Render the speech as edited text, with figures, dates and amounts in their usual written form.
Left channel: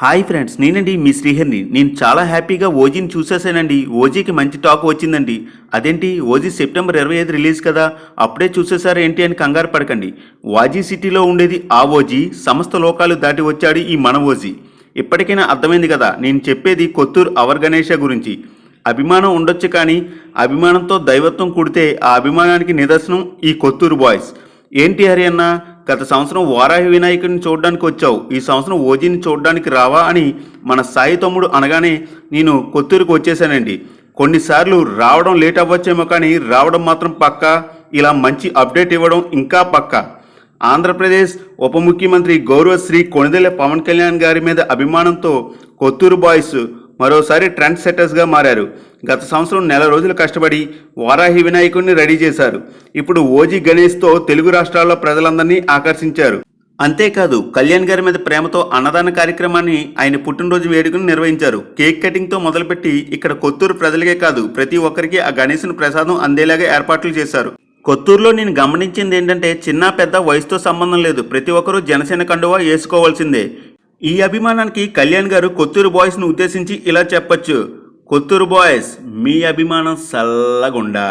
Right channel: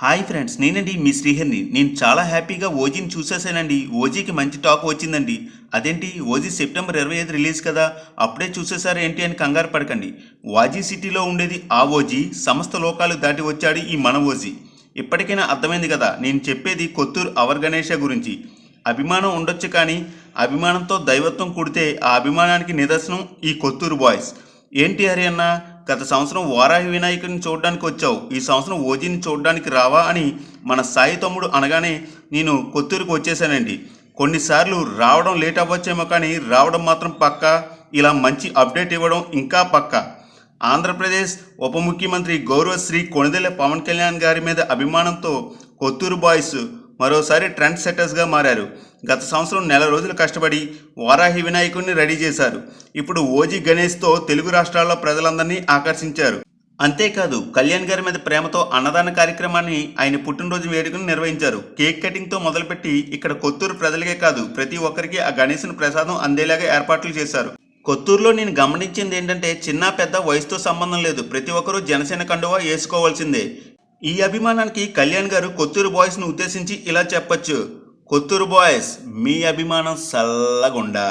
Hi friends, నేనండి మీ శ్రీహరిని. నేను చాలా హ్యాపీగా ఓజీని చూసేసానండి. ఓజీకి మంచి టాక్ వచ్చిందండి. అదేంటి, ఓజీ సెప్టెంబర్ 25 రిలీజ్ కదా, అప్పుడే చూసేసారు ఏంటి అని కంగారు పడకండి. వాజీ సిటీలో ఉండేది ఆ ఓజీ, సమస్త లోకాలు దాటి వచ్చాడు ఈ మన ఓజీ. ఇప్పటికైనా అర్థమైంది కదా, నేను చెప్పేది కొత్తూరు అవర్ గణేష గురించి. అభిమానం ఉండొచ్చు కానీ అభిమానంతో దైవత్వం కుడితే ఆ అభిమానానికి నిదర్శనం ఈ కొత్తూరు బాయ్స్. ఏంటి హరి అన్న, గత సంవత్సరం వారాహి వినాయకుడిని చూడడానికి వచ్చావు, ఈ సంవత్సరం ఓజీని చూడడానికి రావా అని మన సాయి తమ్ముడు అనగానే నేను కొత్తూరుకు వచ్చేసానండి. కొన్నిసార్లు రావడం లేట్ అవ్వచ్చేమో కానీ రావడం మాత్రం పక్కా. ఇలా మంచి అప్డేట్ ఇవ్వడం ఇంకా పక్కా. ఆంధ్రప్రదేశ్ ఉప ముఖ్యమంత్రి గౌరవశ్రీ కొణిదెల పవన్ కళ్యాణ్ గారి మీద అభిమానంతో కొత్తూరు బాయ్స్ మరోసారి ట్రెండ్ సెట్టర్స్గా మారారు. గత సంవత్సరం నెల రోజులు కష్టపడి వారాహి వినాయకుడిని రెడీ చేశారు. ఇప్పుడు ఓజీ గణేష్తో తెలుగు రాష్ట్రాల్లో ప్రజలందరినీ ఆకర్షించారు. అంతేకాదు, కళ్యాణ్ గారి మీద ప్రేమతో అన్నదాన కార్యక్రమాన్ని ఆయన పుట్టినరోజు వేడుకను నిర్వహించారు. కేక్ కటింగ్తో మొదలుపెట్టి ఇక్కడ కొత్తూరు ప్రజలకే కాదు ప్రతి ఒక్కరికి ఆ గణేశుని ప్రసాదం అందేలాగా ఏర్పాట్లు చేశారు. కొత్తూరులో నేను గమనించింది ఏంటంటే, చిన్న పెద్ద వయసుతో సంబంధం లేదు, ప్రతి ఒక్కరూ జనసేన కండువా వేసుకోవాల్సిందే. ఈ అభిమానానికి కళ్యాణ్ గారు కొత్తూరు బాయ్స్ను ఉద్దేశించి ఇలా చెప్పొచ్చు: కొత్తూరు బాయ్స్, మీ అభిమానం సల్లగుండా.